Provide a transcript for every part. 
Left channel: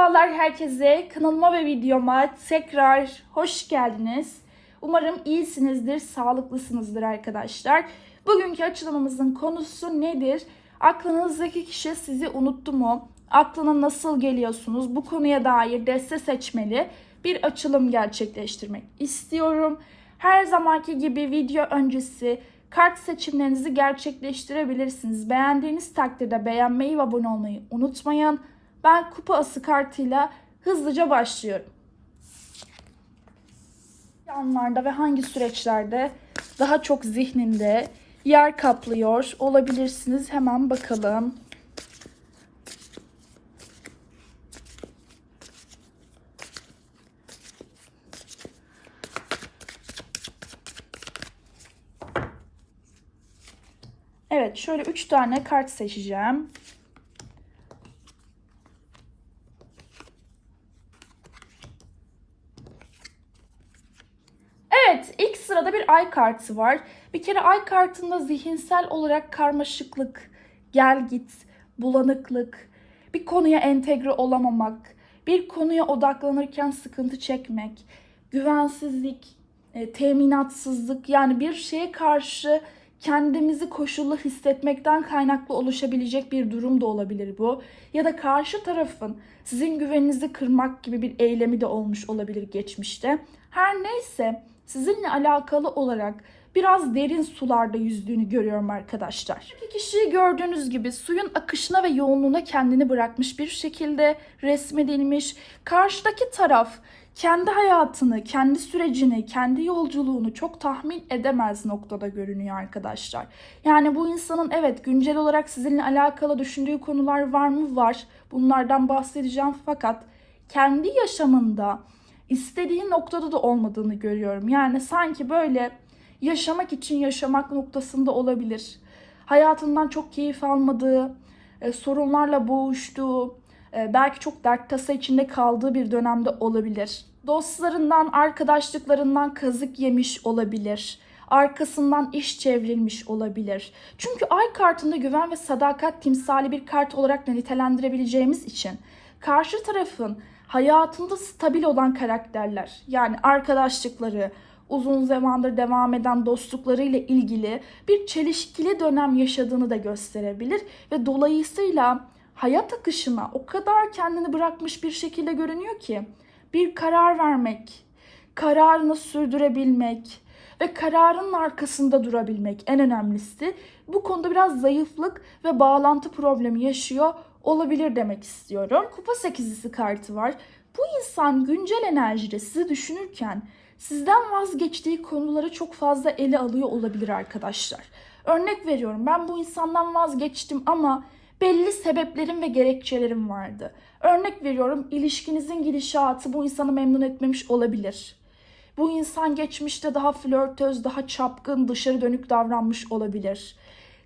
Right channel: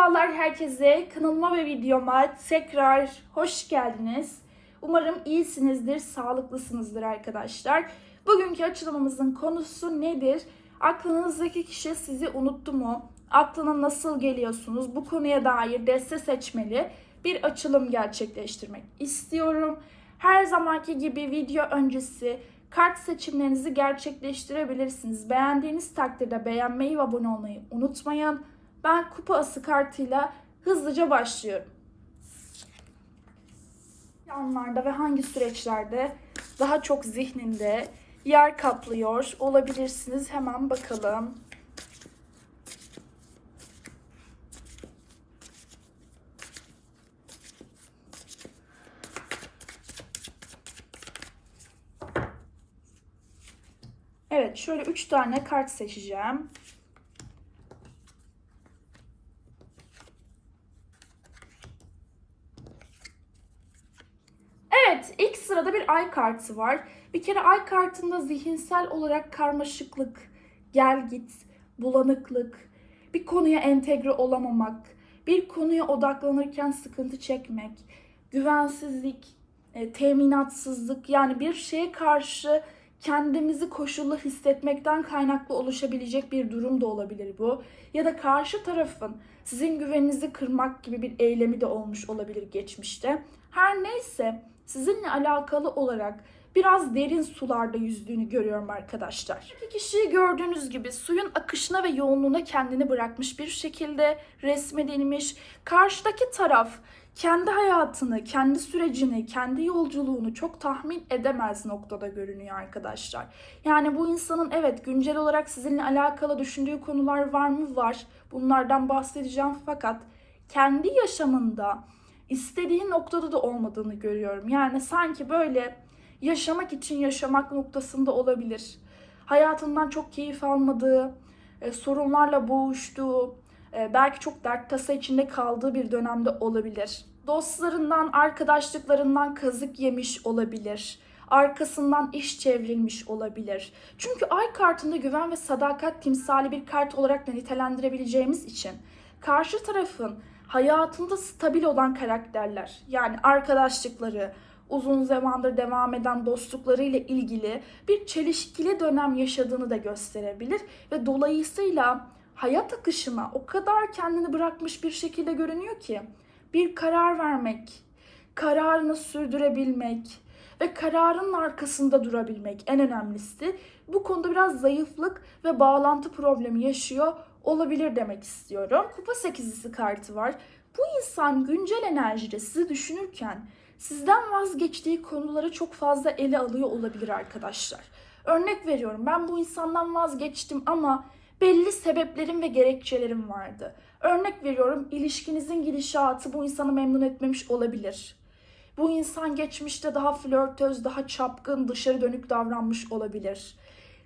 Merhabalar herkese. Kanalıma ve videoma tekrar hoş geldiniz. Umarım iyisinizdir, sağlıklısınızdır arkadaşlar. Bugünkü açılımımızın konusu nedir? Aklınızdaki kişi sizi unuttu mu? Aklına nasıl geliyorsunuz? Bu konuya dair deste seçmeli bir açılım gerçekleştirmek istiyorum. Her zamanki gibi video öncesi kart seçimlerinizi gerçekleştirebilirsiniz. Beğendiğiniz takdirde beğenmeyi ve abone olmayı unutmayın. Ben kupa ası kartıyla hızlıca başlıyorum. Anlarda ve hangi süreçlerde daha çok zihninde yer kaplıyor olabilirsiniz. Hemen bakalım. Evet, şöyle 3 tane kart seçeceğim. Evet, ilk sırada bir ay kartı var. Bir kere ay kartında zihinsel olarak karmaşıklık, gel git, bulanıklık, bir konuya entegre olamamak, bir konuya odaklanırken sıkıntı çekmek, güvensizlik, e, teminatsızlık yani bir şeye karşı kendimizi koşullu hissetmekten kaynaklı oluşabilecek bir durum da olabilir bu. Ya da karşı tarafın sizin güveninizi kırmak gibi bir eylemi de olmuş olabilir geçmişte. Her neyse sizinle alakalı olarak biraz derin sularda yüzdüğünü görüyorum arkadaşlar. İki kişiyi gördüğünüz gibi suyun akışına ve yoğunluğuna kendini bırakmış bir şekilde resmedilmiş. Karşıdaki taraf kendi hayatını, kendi sürecini, kendi yolculuğunu çok tahmin edemez noktada görünüyor arkadaşlar. Yani bu insanın evet güncel olarak sizinle alakalı düşündüğü konular var mı? Var. Bunlardan bahsedeceğim fakat kendi yaşamında istediği noktada da olmadığını görüyorum. Yani sanki böyle yaşamak için yaşamak noktasında olabilir. Hayatından çok keyif almadığı, e, sorunlarla boğuştuğu, e, belki çok dert tasa içinde kaldığı bir dönemde olabilir. Dostlarından, arkadaşlıklarından kazık yemiş olabilir. Arkasından iş çevrilmiş olabilir. Çünkü ay kartında güven ve sadakat timsali bir kart olarak nitelendirebileceğimiz için karşı tarafın hayatında stabil olan karakterler yani arkadaşlıkları, uzun zamandır devam eden dostlukları ile ilgili bir çelişkili dönem yaşadığını da gösterebilir ve dolayısıyla hayat akışına o kadar kendini bırakmış bir şekilde görünüyor ki bir karar vermek, kararını sürdürebilmek ve kararının arkasında durabilmek en önemlisi. Bu konuda biraz zayıflık ve bağlantı problemi yaşıyor olabilir demek istiyorum. Kupa sekizlisi kartı var. Bu insan güncel enerjide sizi düşünürken sizden vazgeçtiği konuları çok fazla ele alıyor olabilir arkadaşlar. Örnek veriyorum ben bu insandan vazgeçtim ama belli sebeplerim ve gerekçelerim vardı. Örnek veriyorum ilişkinizin gidişatı bu insanı memnun etmemiş olabilir. Bu insan geçmişte daha flörtöz, daha çapkın, dışarı dönük davranmış olabilir.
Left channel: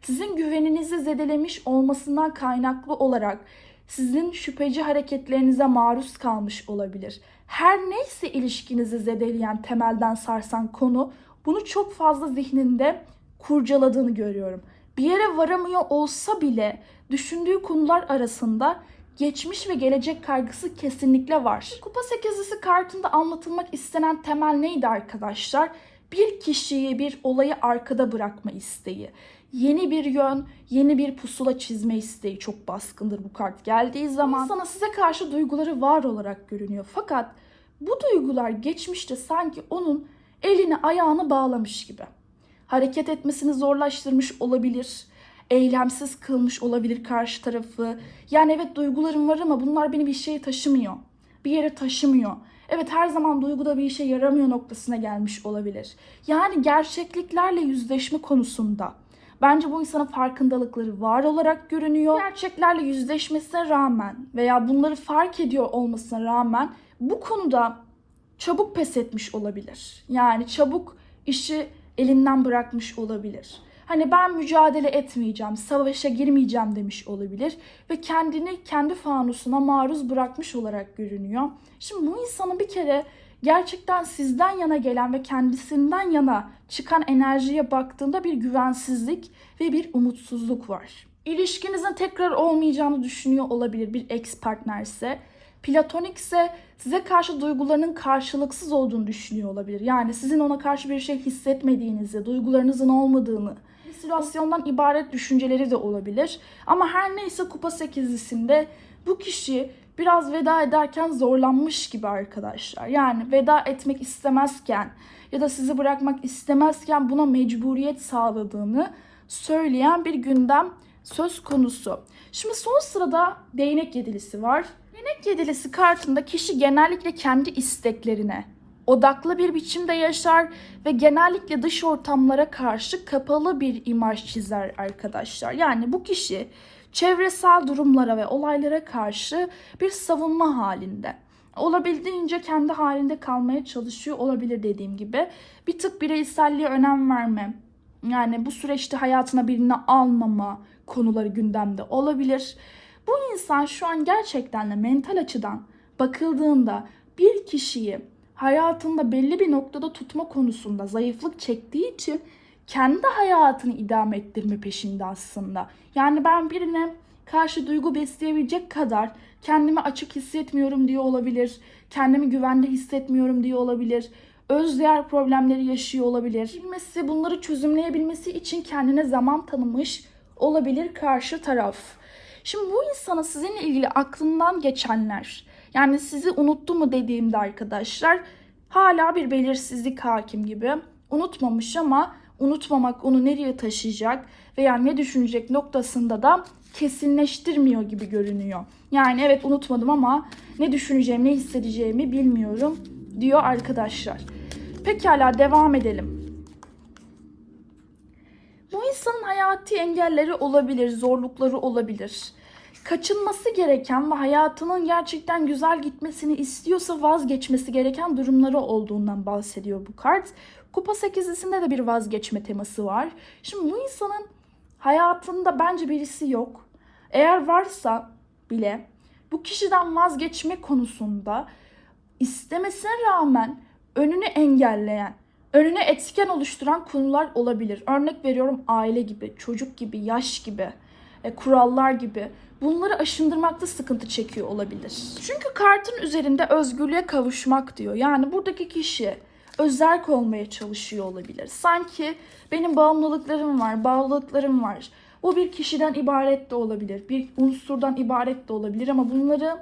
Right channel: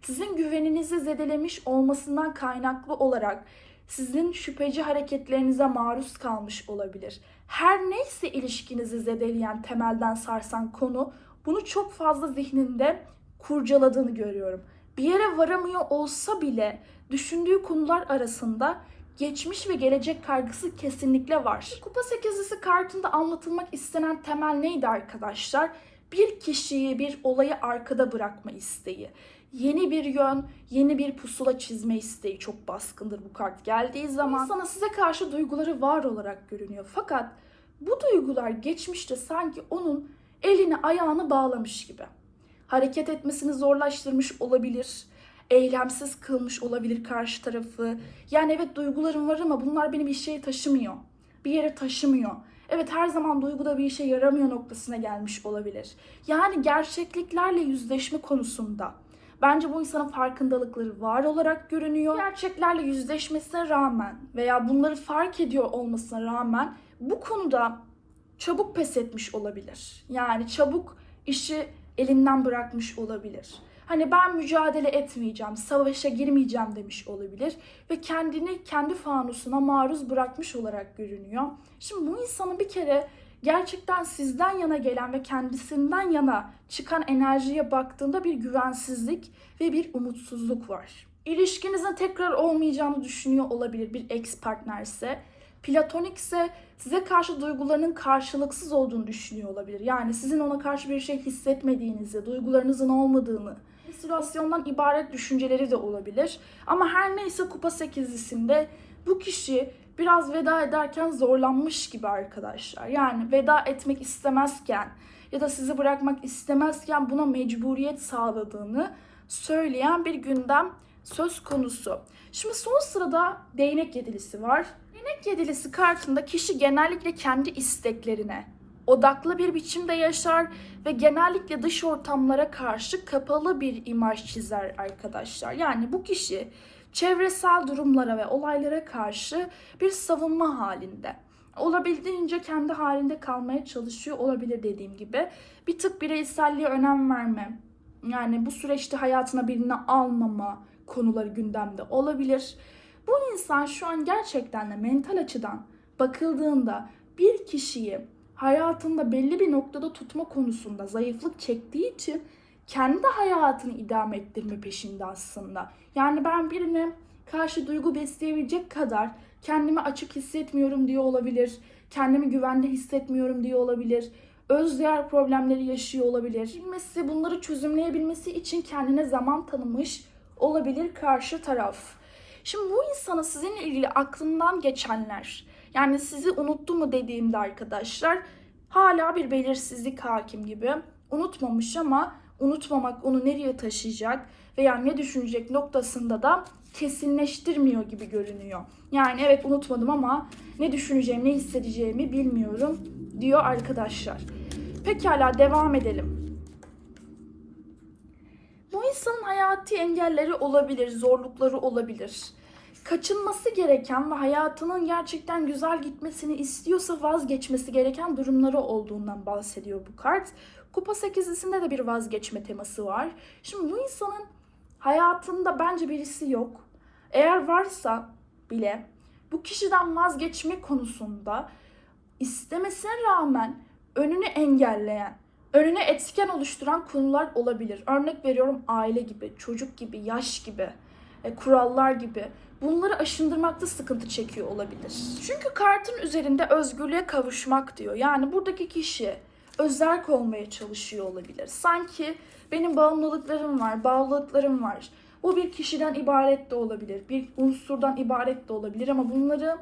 Sizin güveninizi zedelemiş olmasından kaynaklı olarak sizin şüpheci hareketlerinize maruz kalmış olabilir. Her neyse ilişkinizi zedeleyen, temelden sarsan konu bunu çok fazla zihninde kurcaladığını görüyorum. Bir yere varamıyor olsa bile düşündüğü konular arasında geçmiş ve gelecek kaygısı kesinlikle var. Kupa sekizlisi kartında anlatılmak istenen temel neydi arkadaşlar? Bir kişiyi, bir olayı arkada bırakma isteği. Yeni bir yön, yeni bir pusula çizme isteği çok baskındır bu kart geldiği zaman. Sana size karşı duyguları var olarak görünüyor. Fakat bu duygular geçmişte sanki onun elini ayağını bağlamış gibi. Hareket etmesini zorlaştırmış olabilir eylemsiz kılmış olabilir karşı tarafı. Yani evet duygularım var ama bunlar beni bir şeye taşımıyor. Bir yere taşımıyor. Evet her zaman duyguda bir işe yaramıyor noktasına gelmiş olabilir. Yani gerçekliklerle yüzleşme konusunda bence bu insanın farkındalıkları var olarak görünüyor. Gerçeklerle yüzleşmesine rağmen veya bunları fark ediyor olmasına rağmen bu konuda çabuk pes etmiş olabilir. Yani çabuk işi elinden bırakmış olabilir. Hani ben mücadele etmeyeceğim, savaşa girmeyeceğim demiş olabilir ve kendini kendi fanusuna maruz bırakmış olarak görünüyor. Şimdi bu insanın bir kere gerçekten sizden yana gelen ve kendisinden yana çıkan enerjiye baktığında bir güvensizlik ve bir umutsuzluk var. İlişkinizin tekrar olmayacağını düşünüyor olabilir bir ex partnerse. Platonik ise size karşı duygularının karşılıksız olduğunu düşünüyor olabilir. Yani sizin ona karşı bir şey hissetmediğinizi, duygularınızın olmadığını, halüsinasyondan ibaret düşünceleri de olabilir. Ama her neyse kupa sekizlisinde bu kişi biraz veda ederken zorlanmış gibi arkadaşlar. Yani veda etmek istemezken ya da sizi bırakmak istemezken buna mecburiyet sağladığını söyleyen bir gündem söz konusu. Şimdi son sırada değnek yedilisi var. Değnek yedilisi kartında kişi genellikle kendi isteklerine odaklı bir biçimde yaşar ve genellikle dış ortamlara karşı kapalı bir imaj çizer arkadaşlar. Yani bu kişi çevresel durumlara ve olaylara karşı bir savunma halinde. Olabildiğince kendi halinde kalmaya çalışıyor olabilir dediğim gibi. Bir tık bireyselliğe önem verme, yani bu süreçte hayatına birini almama konuları gündemde olabilir. Bu insan şu an gerçekten de mental açıdan bakıldığında bir kişiyi hayatında belli bir noktada tutma konusunda zayıflık çektiği için kendi hayatını idame ettirme peşinde aslında. Yani ben birine karşı duygu besleyebilecek kadar kendimi açık hissetmiyorum diye olabilir. Kendimi güvende hissetmiyorum diye olabilir. Özdeğer problemleri yaşıyor olabilir. Bilmesi, bunları çözümleyebilmesi için kendine zaman tanımış olabilir karşı taraf. Şimdi bu insana sizinle ilgili aklından geçenler, yani sizi unuttu mu dediğimde arkadaşlar hala bir belirsizlik hakim gibi. Unutmamış ama unutmamak onu nereye taşıyacak veya ne düşünecek noktasında da kesinleştirmiyor gibi görünüyor. Yani evet unutmadım ama ne düşüneceğimi, ne hissedeceğimi bilmiyorum diyor arkadaşlar. Pekala devam edelim. Bu insanın hayati engelleri olabilir, zorlukları olabilir. Kaçınması gereken ve hayatının gerçekten güzel gitmesini istiyorsa vazgeçmesi gereken durumları olduğundan bahsediyor bu kart. Kupa sekizlisinde de bir vazgeçme teması var. Şimdi bu insanın hayatında bence birisi yok. Eğer varsa bile bu kişiden vazgeçme konusunda istemesine rağmen önünü engelleyen, önüne etken oluşturan konular olabilir. Örnek veriyorum aile gibi, çocuk gibi, yaş gibi, e, kurallar gibi. Bunları aşındırmakta sıkıntı çekiyor olabilir. Çünkü kartın üzerinde özgürlüğe kavuşmak diyor. Yani buradaki kişi özerk olmaya çalışıyor olabilir. Sanki benim bağımlılıklarım var, bağlılıklarım var. Bu bir kişiden ibaret de olabilir, bir unsurdan ibaret de olabilir ama bunları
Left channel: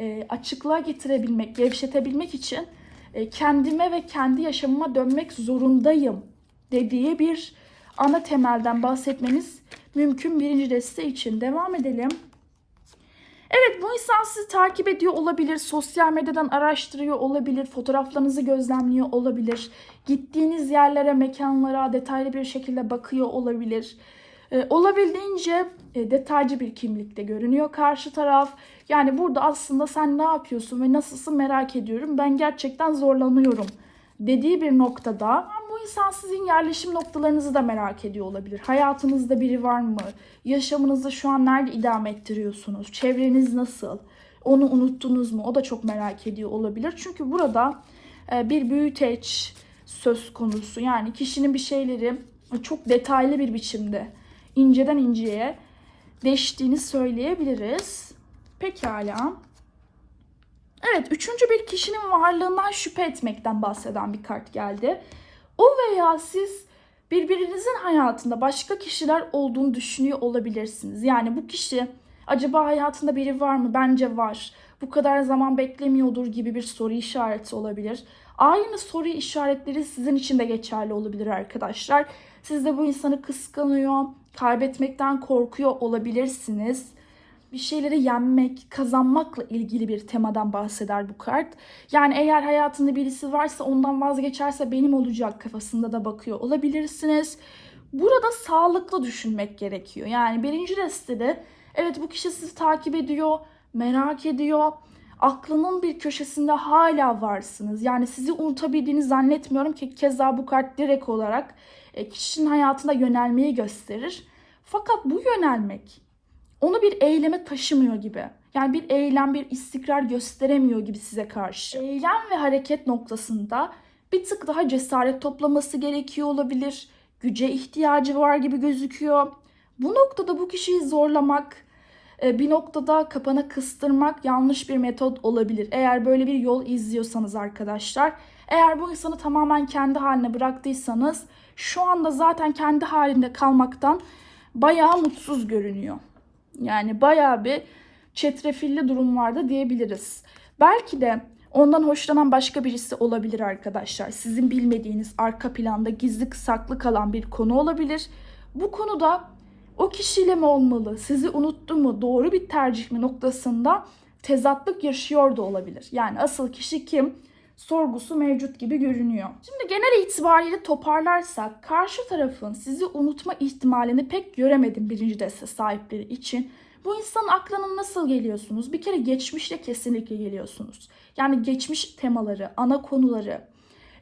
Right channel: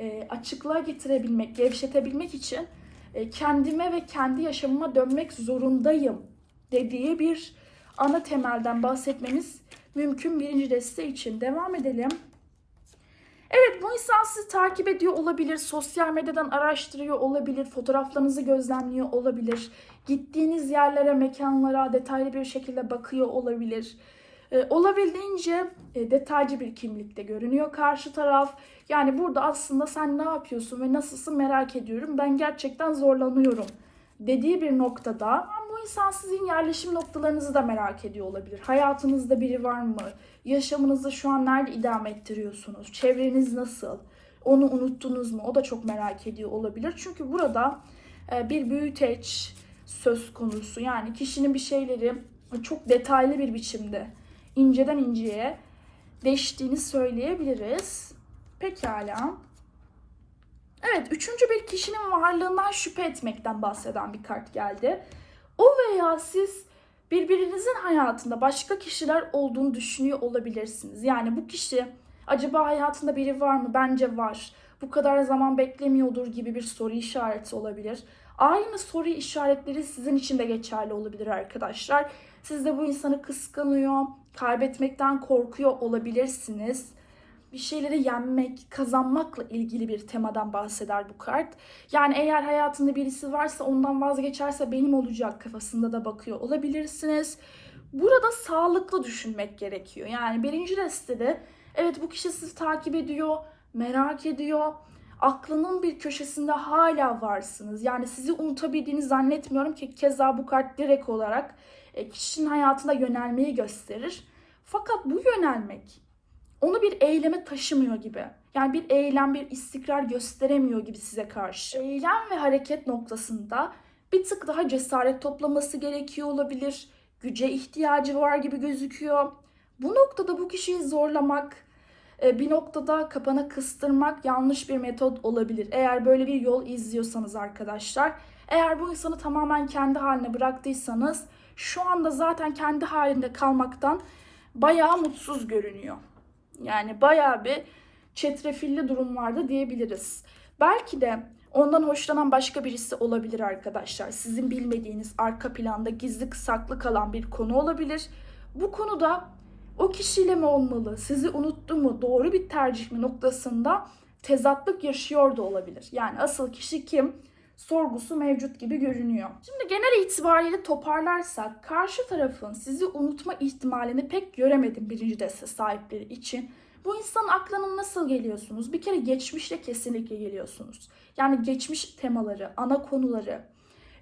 e, açıklığa getirebilmek, gevşetebilmek için e, kendime ve kendi yaşamıma dönmek zorundayım dediği bir ana temelden bahsetmemiz mümkün birinci deste için. Devam edelim. Evet bu insan sizi takip ediyor olabilir, sosyal medyadan araştırıyor olabilir, fotoğraflarınızı gözlemliyor olabilir, gittiğiniz yerlere, mekanlara detaylı bir şekilde bakıyor olabilir. Ee, olabildiğince e, detaycı bir kimlikte görünüyor karşı taraf. Yani burada aslında sen ne yapıyorsun ve nasılsın merak ediyorum. Ben gerçekten zorlanıyorum dediği bir noktada insan sizin yerleşim noktalarınızı da merak ediyor olabilir. Hayatınızda biri var mı? Yaşamınızı şu an nerede idame ettiriyorsunuz? Çevreniz nasıl? Onu unuttunuz mu? O da çok merak ediyor olabilir. Çünkü burada e, bir büyüteç söz konusu. Yani kişinin bir şeyleri çok detaylı bir biçimde inceden inceye değiştiğini söyleyebiliriz. Pekala. Evet, üçüncü bir kişinin varlığından şüphe etmekten bahseden bir kart geldi. O veya siz birbirinizin hayatında başka kişiler olduğunu düşünüyor olabilirsiniz. Yani bu kişi acaba hayatında biri var mı? Bence var. Bu kadar zaman beklemiyordur gibi bir soru işareti olabilir. Aynı soru işaretleri sizin için de geçerli olabilir arkadaşlar. Siz de bu insanı kıskanıyor, kaybetmekten korkuyor olabilirsiniz. Bir şeyleri yenmek, kazanmakla ilgili bir temadan bahseder bu kart. Yani eğer hayatında birisi varsa ondan vazgeçerse benim olacak kafasında da bakıyor olabilirsiniz. Burada sağlıklı düşünmek gerekiyor. Yani birinci destede evet bu kişi sizi takip ediyor, merak ediyor. Aklının bir köşesinde hala varsınız. Yani sizi unutabildiğini zannetmiyorum ki keza bu kart direkt olarak e, kişinin hayatına yönelmeyi gösterir. Fakat bu yönelmek onu bir eyleme taşımıyor gibi. Yani bir eylem, bir istikrar gösteremiyor gibi size karşı. Eylem ve hareket noktasında bir tık daha cesaret toplaması gerekiyor olabilir. Güce ihtiyacı var gibi gözüküyor. Bu noktada bu kişiyi zorlamak, e, bir noktada kapana kıstırmak yanlış bir metot olabilir. Eğer böyle bir yol izliyorsanız arkadaşlar. Eğer bu insanı tamamen kendi haline bıraktıysanız şu anda zaten kendi halinde kalmaktan bayağı mutsuz görünüyor. Yani bayağı bir çetrefilli durumlarda diyebiliriz. Belki de ondan hoşlanan başka birisi olabilir arkadaşlar. Sizin bilmediğiniz arka planda gizli saklı kalan bir konu olabilir. Bu konuda o kişiyle mi olmalı, sizi unuttu mu, doğru bir tercih mi noktasında tezatlık yaşıyor da olabilir. Yani asıl kişi kim? Sorgusu mevcut gibi görünüyor. Şimdi genel itibariyle toparlarsak karşı tarafın sizi unutma ihtimalini pek göremedim birinci deste sahipleri için. Bu insanın aklına nasıl geliyorsunuz? Bir kere geçmişle kesinlikle geliyorsunuz. Yani geçmiş temaları, ana konuları,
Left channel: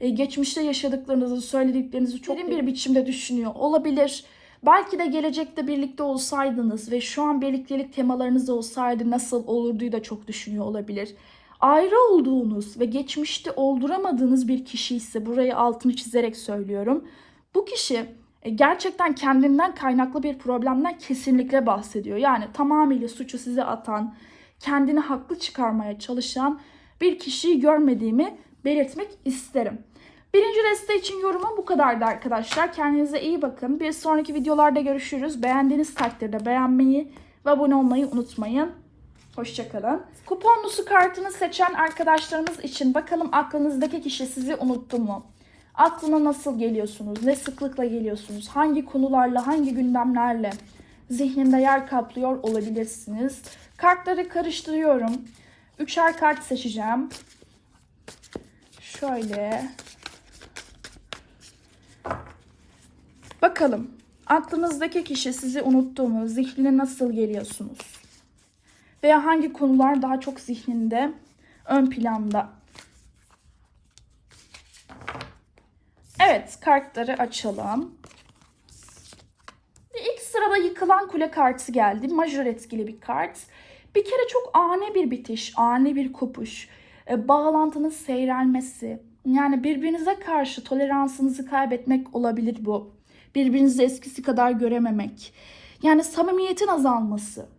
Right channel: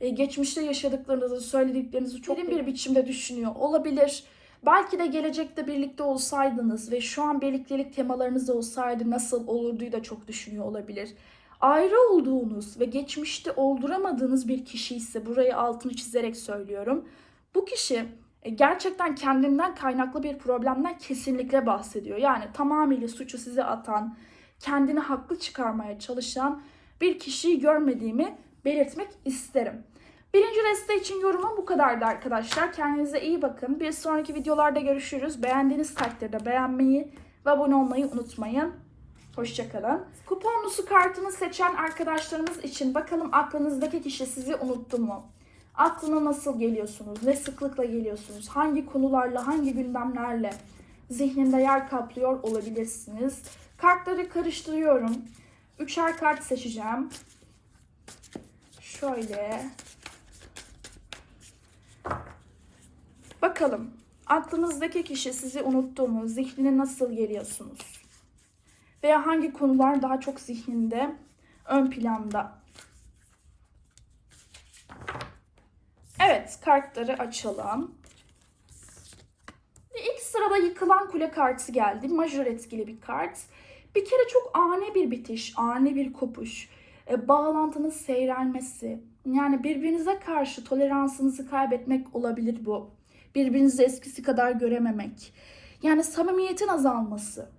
e, geçmişte yaşadıklarınızı, söylediklerinizi çok derin bir biçimde düşünüyor olabilir. Belki de gelecekte birlikte olsaydınız ve şu an birliktelik temalarınız olsaydı nasıl olurduyu da çok düşünüyor olabilir. Ayrı olduğunuz ve geçmişte olduramadığınız bir kişi ise burayı altını çizerek söylüyorum. Bu kişi e, gerçekten kendinden kaynaklı bir problemden kesinlikle bahsediyor. Yani tamamıyla suçu size atan, kendini haklı çıkarmaya çalışan bir kişiyi görmediğimi belirtmek isterim. Birinci deste için yorumum bu kadardı arkadaşlar. Kendinize iyi bakın. Bir sonraki videolarda görüşürüz. Beğendiğiniz takdirde beğenmeyi ve abone olmayı unutmayın. Hoşçakalın. Kuponlusu kartını seçen arkadaşlarımız için bakalım aklınızdaki kişi sizi unuttu mu? Aklına nasıl geliyorsunuz? Ne sıklıkla geliyorsunuz? Hangi konularla, hangi gündemlerle zihninde yer kaplıyor olabilirsiniz? Kartları karıştırıyorum. Üçer kart seçeceğim. Şöyle. Bakalım aklınızdaki kişi sizi unuttu mu? Zihnine nasıl geliyorsunuz? Veya hangi konular daha çok zihninde ön planda? Evet, kartları açalım. Ve ilk sırada yıkılan kule kartı geldi. Majör etkili bir kart. Bir kere çok ani bir bitiş, ani bir kopuş, e, bağlantının seyrelmesi. Yani birbirinize karşı toleransınızı kaybetmek olabilir bu. Birbirinizi eskisi kadar görememek. Yani samimiyetin azalması.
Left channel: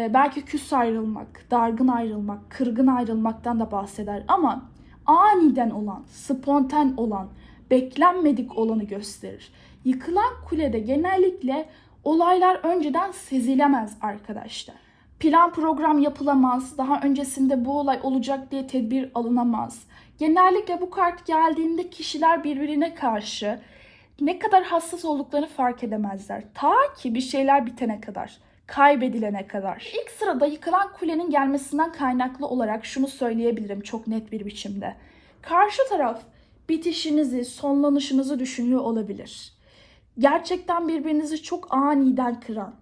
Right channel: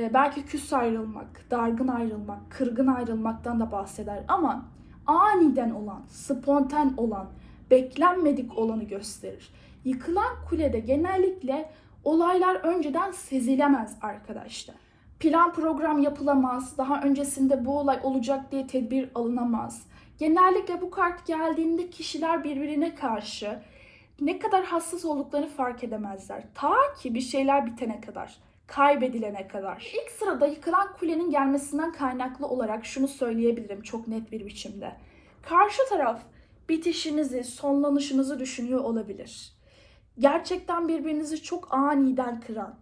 E, belki küs ayrılmak, dargın ayrılmak, kırgın ayrılmaktan da bahseder. Ama aniden olan, spontan olan, beklenmedik olanı gösterir. Yıkılan kulede genellikle olaylar önceden sezilemez arkadaşlar. Plan program yapılamaz, daha öncesinde bu olay olacak diye tedbir alınamaz. Genellikle bu kart geldiğinde kişiler birbirine karşı ne kadar hassas olduklarını fark edemezler. Ta ki bir şeyler bitene kadar, kaybedilene kadar. İlk sırada yıkılan kulenin gelmesinden kaynaklı olarak şunu söyleyebilirim çok net bir biçimde. Karşı taraf bitişinizi, sonlanışınızı düşünüyor olabilir. Gerçekten birbirinizi çok aniden kıran,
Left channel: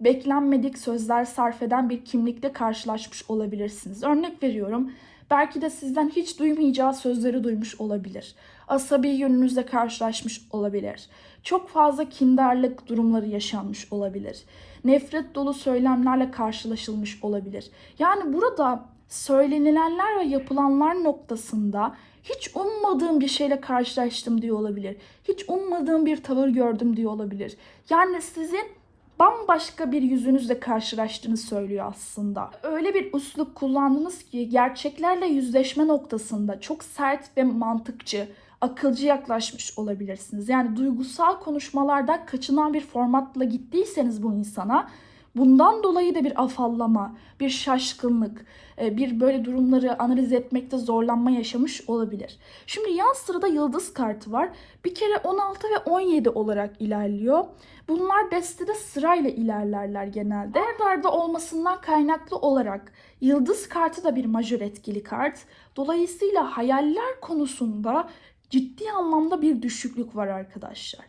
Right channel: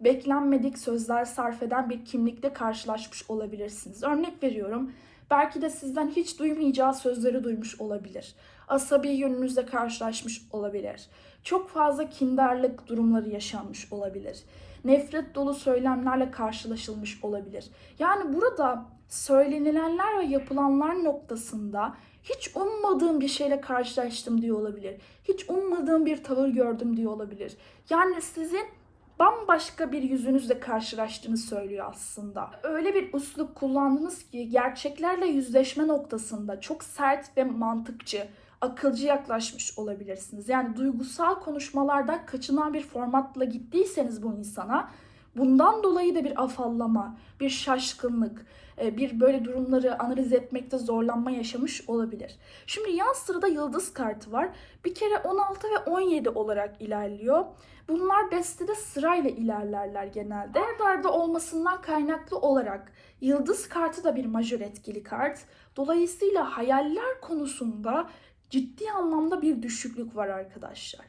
beklenmedik sözler sarf eden bir kimlikle karşılaşmış olabilirsiniz. Örnek veriyorum. Belki de sizden hiç duymayacağı sözleri duymuş olabilir. Asabi yönünüzle karşılaşmış olabilir. Çok fazla kindarlık durumları yaşanmış olabilir. Nefret dolu söylemlerle karşılaşılmış olabilir. Yani burada söylenilenler ve yapılanlar noktasında hiç ummadığım bir şeyle karşılaştım diye olabilir. Hiç ummadığım bir tavır gördüm diye olabilir. Yani sizin bambaşka bir yüzünüzle karşılaştığını söylüyor aslında. Öyle bir uslup kullandınız ki gerçeklerle yüzleşme noktasında çok sert ve mantıkçı, akılcı yaklaşmış olabilirsiniz. Yani duygusal konuşmalardan kaçınan bir formatla gittiyseniz bu insana bundan dolayı da bir afallama, bir şaşkınlık, e, bir böyle durumları analiz etmekte zorlanma yaşamış olabilir. Şimdi yan sırada yıldız kartı var. Bir kere 16 ve 17 olarak ilerliyor. Bunlar destede sırayla ilerlerler genelde. Arda arda olmasından kaynaklı olarak yıldız kartı da bir majör etkili kart. Dolayısıyla hayaller konusunda ciddi anlamda bir düşüklük var arkadaşlar.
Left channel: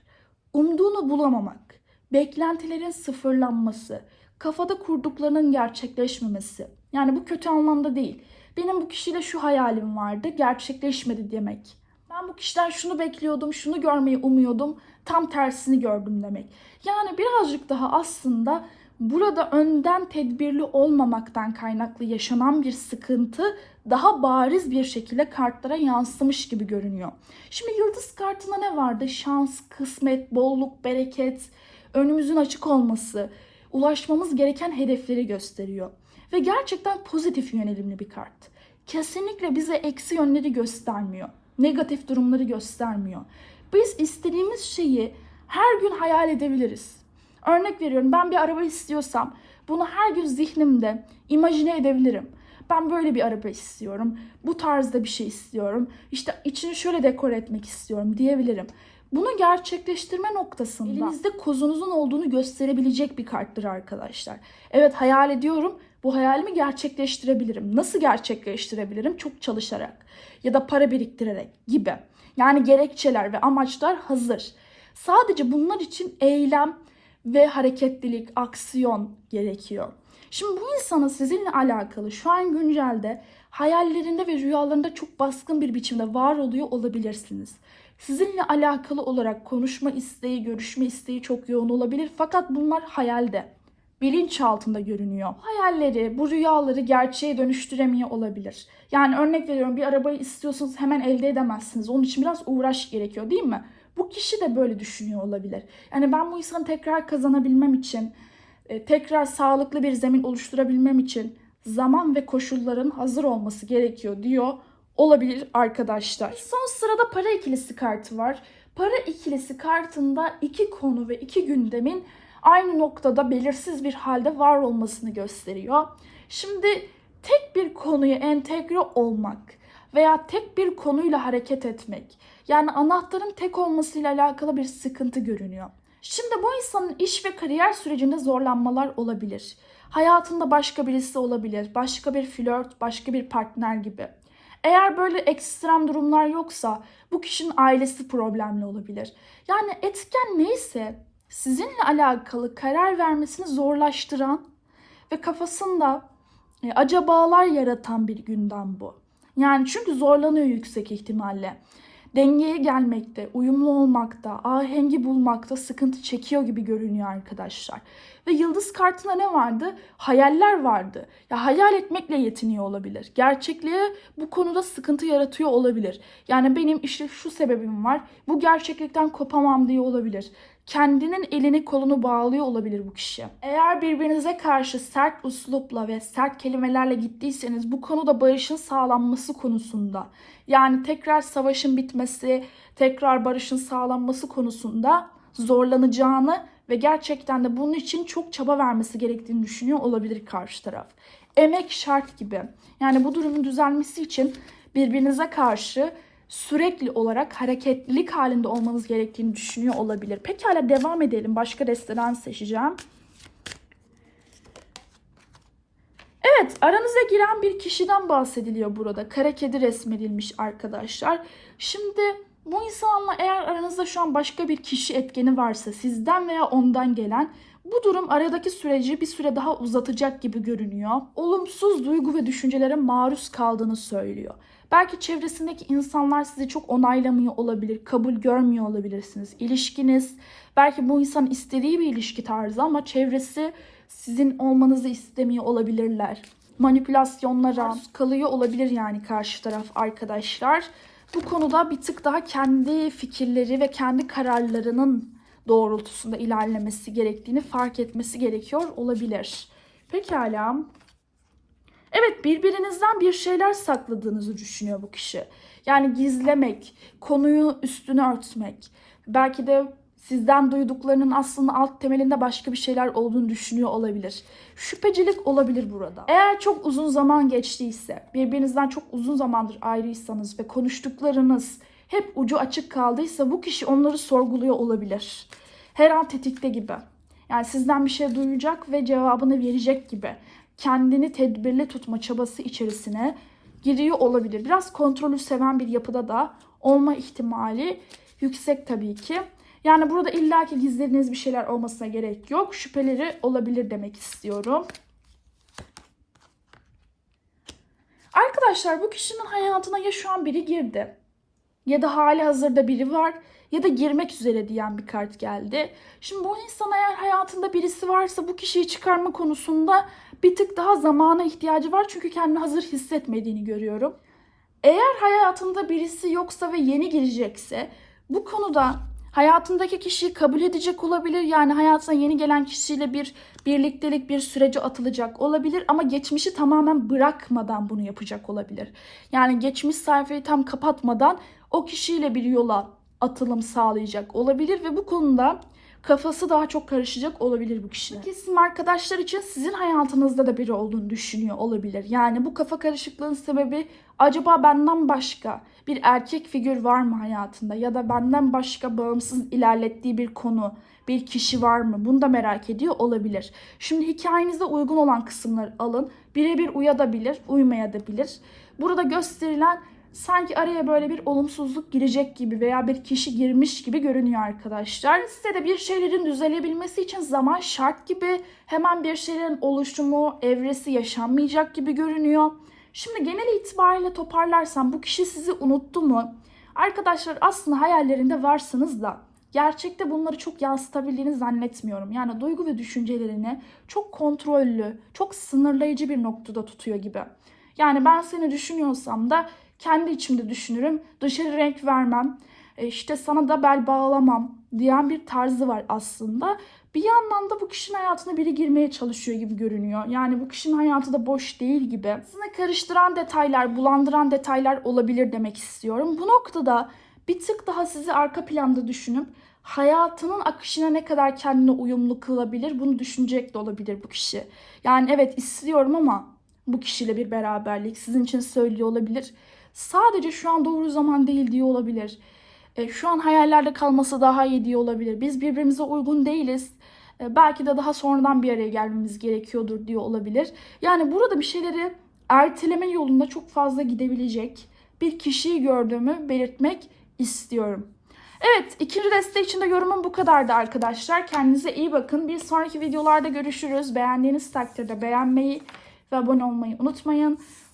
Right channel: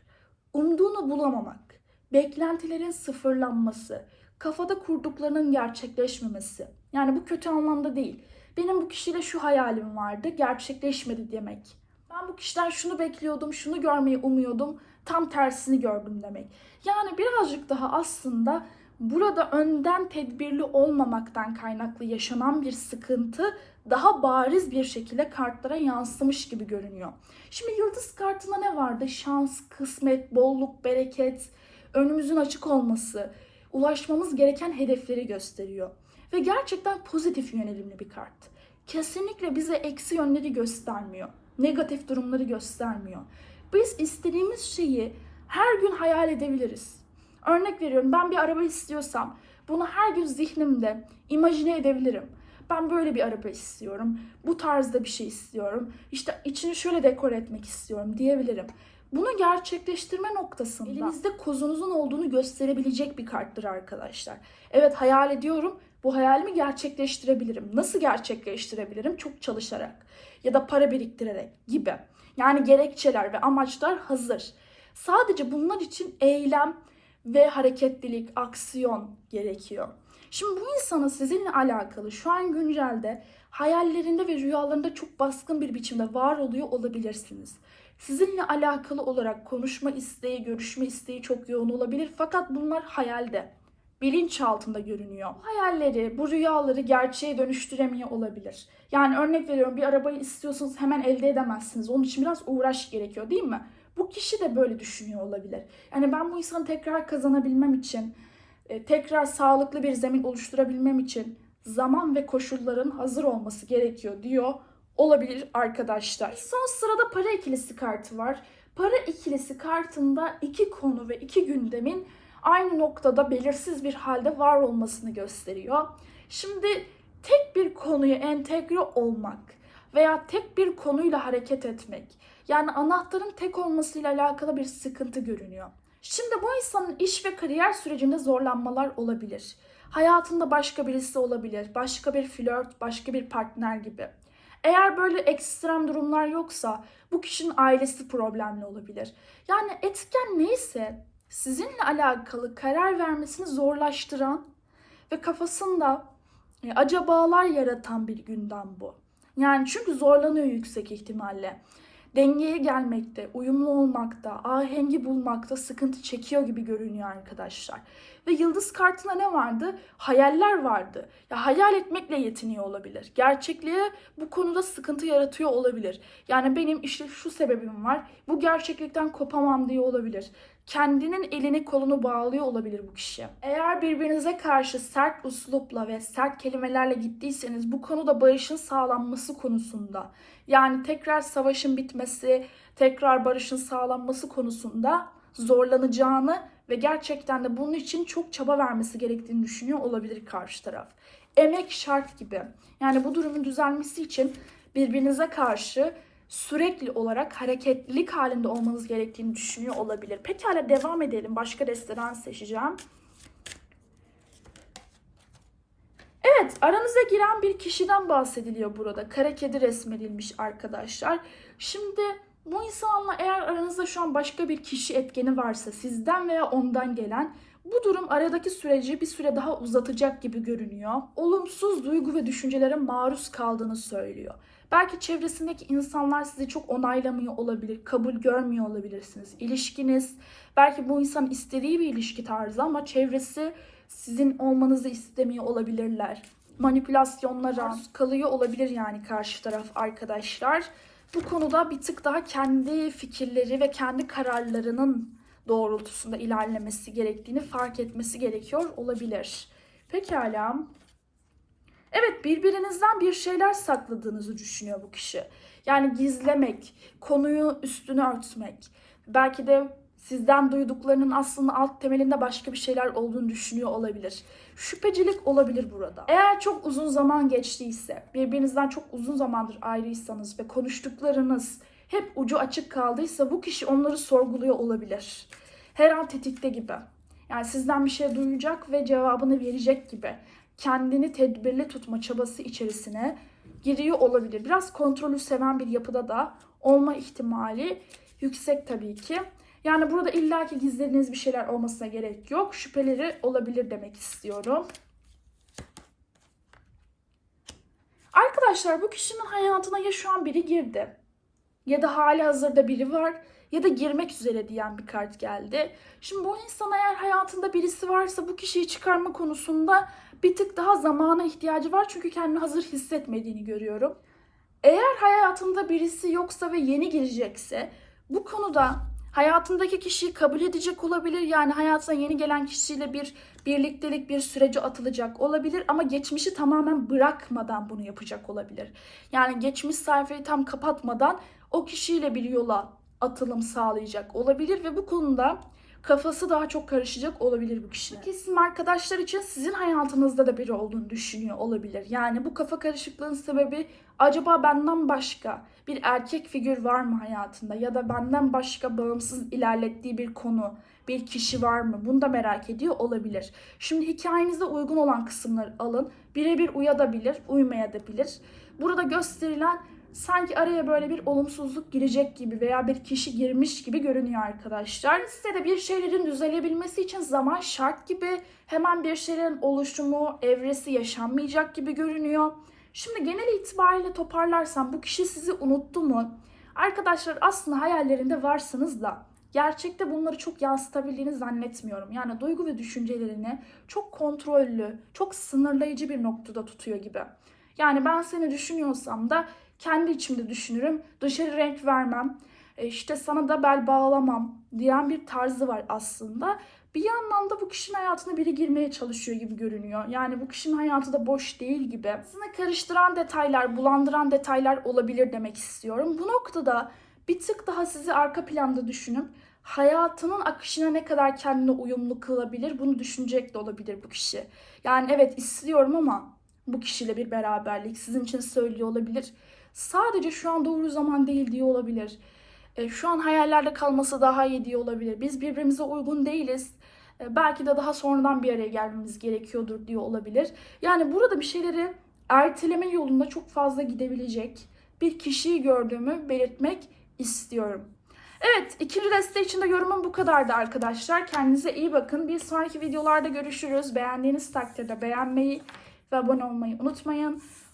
Umduğunu bulamamak, beklentilerin sıfırlanması, kafada kurduklarının gerçekleşmemesi. Yani bu kötü anlamda değil. Benim bu kişiyle şu hayalim vardı, gerçekleşmedi demek. Ben bu kişiden şunu bekliyordum, şunu görmeyi umuyordum, tam tersini gördüm demek. Yani birazcık daha aslında burada önden tedbirli olmamaktan kaynaklı yaşanan bir sıkıntı daha bariz bir şekilde kartlara yansımış gibi görünüyor. Şimdi yıldız kartında ne vardı? Şans, kısmet, bolluk, bereket, önümüzün açık olması, ulaşmamız gereken hedefleri gösteriyor. Ve gerçekten pozitif yönelimli bir kart. Kesinlikle bize eksi yönleri göstermiyor. Negatif durumları göstermiyor. Biz istediğimiz şeyi her gün hayal edebiliriz. Örnek veriyorum ben bir araba istiyorsam bunu her gün zihnimde imajine edebilirim. Ben böyle bir araba istiyorum. Bu tarzda bir şey istiyorum. İşte içini şöyle dekor etmek istiyorum diyebilirim. Bunu gerçekleştirme noktasında elinizde kozunuzun olduğunu gösterebilecek bir karttır arkadaşlar. Evet hayal ediyorum. Bu hayalimi gerçekleştirebilirim. Nasıl gerçekleştirebilirim? Çok çalışarak ya da para biriktirerek gibi. Yani gerekçeler ve amaçlar hazır. Sadece bunlar için eylem ve hareketlilik, aksiyon gerekiyor. Şimdi bu insanın sizinle alakalı şu an güncelde hayallerinde ve rüyalarında çok baskın bir biçimde var oluyor olabilirsiniz. Sizinle alakalı olarak konuşma isteği, görüşme isteği çok yoğun olabilir fakat bunlar hayalde. Bilinç altında görünüyor. Hayalleri, bu rüyaları gerçeğe dönüştüremiyor olabilir. Yani örnek veriyorum bir arabayı istiyorsanız hemen elde edemezsiniz. Onun için biraz uğraş gerekiyor değil mi? Bu kişi de böyle düşünüyor olabilir. Yani ben bu insanı tekrar kazanabilmem için, e, tekrar sağlıklı bir zemin oluşturabilmem için zaman ve koşulların hazır olması gerekiyor diyor olabilir arkadaşlar. Son sırada para ikilisi kartı var. Para ikilisi kartında iki konu ve iki gündemin aynı noktada belirsiz bir halde var olmasını gösteriyor. Şimdi tek bir konuya entegre olmak veya tek bir konuyla hareket etmek yani anahtarın tek olmasıyla alakalı bir sıkıntı görünüyor. Şimdi bu insanın iş ve kariyer sürecinde zorlanmalar olabilir. Hayatında başka birisi olabilir, başka bir flört, başka bir partner gibi. Eğer böyle ekstrem durumlar yoksa bu kişinin ailesi problemli olabilir. Yani etken neyse sizinle alakalı karar vermesini zorlaştıran ve kafasında e, acabalar yaratan bir gündem bu. Yani çünkü zorlanıyor yüksek ihtimalle. Dengeye gelmekte, uyumlu olmakta, ahengi bulmakta sıkıntı çekiyor gibi görünüyor arkadaşlar. Ve yıldız kartında ne vardı? Hayaller vardı. Ya hayal etmekle yetiniyor olabilir. Gerçekliğe bu konuda sıkıntı yaratıyor olabilir. Yani benim işte şu sebebim var. Bu gerçeklikten kopamam diye olabilir kendinin elini kolunu bağlıyor olabilir bu kişi. Eğer birbirinize karşı sert uslupla ve sert kelimelerle gittiyseniz bu konuda barışın sağlanması konusunda yani tekrar savaşın bitmesi, tekrar barışın sağlanması konusunda zorlanacağını ve gerçekten de bunun için çok çaba vermesi gerektiğini düşünüyor olabilir karşı taraf. Emek şart gibi. Yani bu durumun düzelmesi için birbirinize karşı sürekli olarak hareketlilik halinde olmanız gerektiğini düşünüyor olabilir. Pekala devam edelim. Başka desteden seçeceğim. Evet, aranıza giren bir kişiden bahsediliyor burada. Kara kedi resmedilmiş arkadaşlar. Şimdi bu insanla eğer aranızda şu an başka bir kişi etkeni varsa sizden veya ondan gelen bu durum aradaki süreci bir süre daha uzatacak gibi görünüyor. Olumsuz duygu ve düşüncelere maruz kaldığını söylüyor. Belki çevresindeki insanlar sizi çok onaylamıyor olabilir, kabul görmüyor olabilirsiniz. İlişkiniz, belki bu insan istediği bir ilişki tarzı ama çevresi sizin olmanızı istemiyor olabilirler. Manipülasyonlara kalıyor olabilir yani karşı taraf arkadaşlar. Bu konuda bir tık daha kendi fikirleri ve kendi kararlarının doğrultusunda ilerlemesi gerektiğini fark etmesi gerekiyor olabilir. Pekala. Evet birbirinizden bir şeyler sakladığınızı düşünüyor bu kişi. Yani gizlemek, konuyu üstüne örtmek. Belki de sizden duyduklarının aslında alt temelinde başka bir şeyler olduğunu düşünüyor olabilir. Şüphecilik olabilir burada. Eğer çok uzun zaman geçtiyse, birbirinizden çok uzun zamandır ayrıysanız ve konuştuklarınız hep ucu açık kaldıysa bu kişi onları sorguluyor olabilir. Her an tetikte gibi. Yani sizden bir şey duyacak ve cevabını verecek gibi kendini tedbirli tutma çabası içerisine giriyor olabilir. Biraz kontrolü seven bir yapıda da olma ihtimali yüksek tabii ki. Yani burada illaki gizlediğiniz bir şeyler olmasına gerek yok. Şüpheleri olabilir demek istiyorum. Arkadaşlar bu kişinin hayatına ya şu an biri girdi ya da hali hazırda biri var ya da girmek üzere diyen bir kart geldi. Şimdi bu insan eğer hayatında birisi varsa bu kişiyi çıkarma konusunda bir tık daha zamana ihtiyacı var çünkü kendini hazır hissetmediğini görüyorum. Eğer hayatında birisi yoksa ve yeni girecekse bu konuda hayatındaki kişiyi kabul edecek olabilir. Yani hayatına yeni gelen kişiyle bir birliktelik bir sürece atılacak olabilir ama geçmişi tamamen bırakmadan bunu yapacak olabilir. Yani geçmiş sayfayı tam kapatmadan o kişiyle bir yola atılım sağlayacak olabilir ve bu konuda kafası daha çok karışacak olabilir bu kişinin. Kesin arkadaşlar için sizin hayatınızda da biri olduğunu düşünüyor olabilir. Yani bu kafa karışıklığın sebebi acaba benden başka bir erkek figür var mı hayatında ya da benden başka bağımsız ilerlettiği bir konu, bir kişi var mı? Bunu da merak ediyor olabilir. Şimdi hikayenize uygun olan kısımları alın. Birebir uyabilir, uymayabilir. Burada gösterilen sanki araya böyle bir olumsuzluk girecek gibi veya bir kişi girmiş gibi görünüyor arkadaşlar. Size de bir şeylerin düzelebilmesi için zaman şart gibi. Hemen bir şeylerin oluşumu, evresi yaşanmayacak gibi görünüyor. Şimdi genel itibariyle toparlarsam bu kişi sizi unuttu mu? Arkadaşlar aslında hayallerinde varsınız da gerçekte bunları çok yansıtabildiğini zannetmiyorum. Yani duygu ve düşüncelerini çok kontrollü, çok sınırlayıcı bir noktada tutuyor gibi. Yani ben seni düşünüyorsam da kendi içimde düşünürüm, dışarı renk vermem, e, işte sana da bel bağlamam diyen bir tarzı var aslında. Bir yandan da bu kişinin hayatına biri girmeye çalışıyor gibi görünüyor. Yani bu kişinin hayatı da boş değil gibi. Aslında karıştıran detaylar, bulandıran detaylar olabilir demek istiyorum. Bu noktada bir tık daha sizi arka planda düşünüp hayatının akışına ne kadar kendine uyumlu kılabilir bunu düşünecek de olabilir bu kişi. Yani evet istiyorum ama bu kişiyle bir beraberlik sizin için söylüyor olabilir. Sadece şu an doğru zaman değil diye olabilir. E, şu an hayallerde kalması daha iyi diye olabilir. Biz birbirimize uygun değiliz. E, belki de daha sonradan bir araya gelmemiz gerekiyordur diye olabilir. Yani burada bir şeyleri erteleme yolunda çok fazla gidebilecek bir kişiyi gördüğümü belirtmek istiyorum. Evet, ikinci deste için de yorumum bu kadardı arkadaşlar. Kendinize iyi bakın. Bir sonraki videolarda görüşürüz. Beğendiğiniz takdirde beğenmeyi ve abone olmayı unutmayın.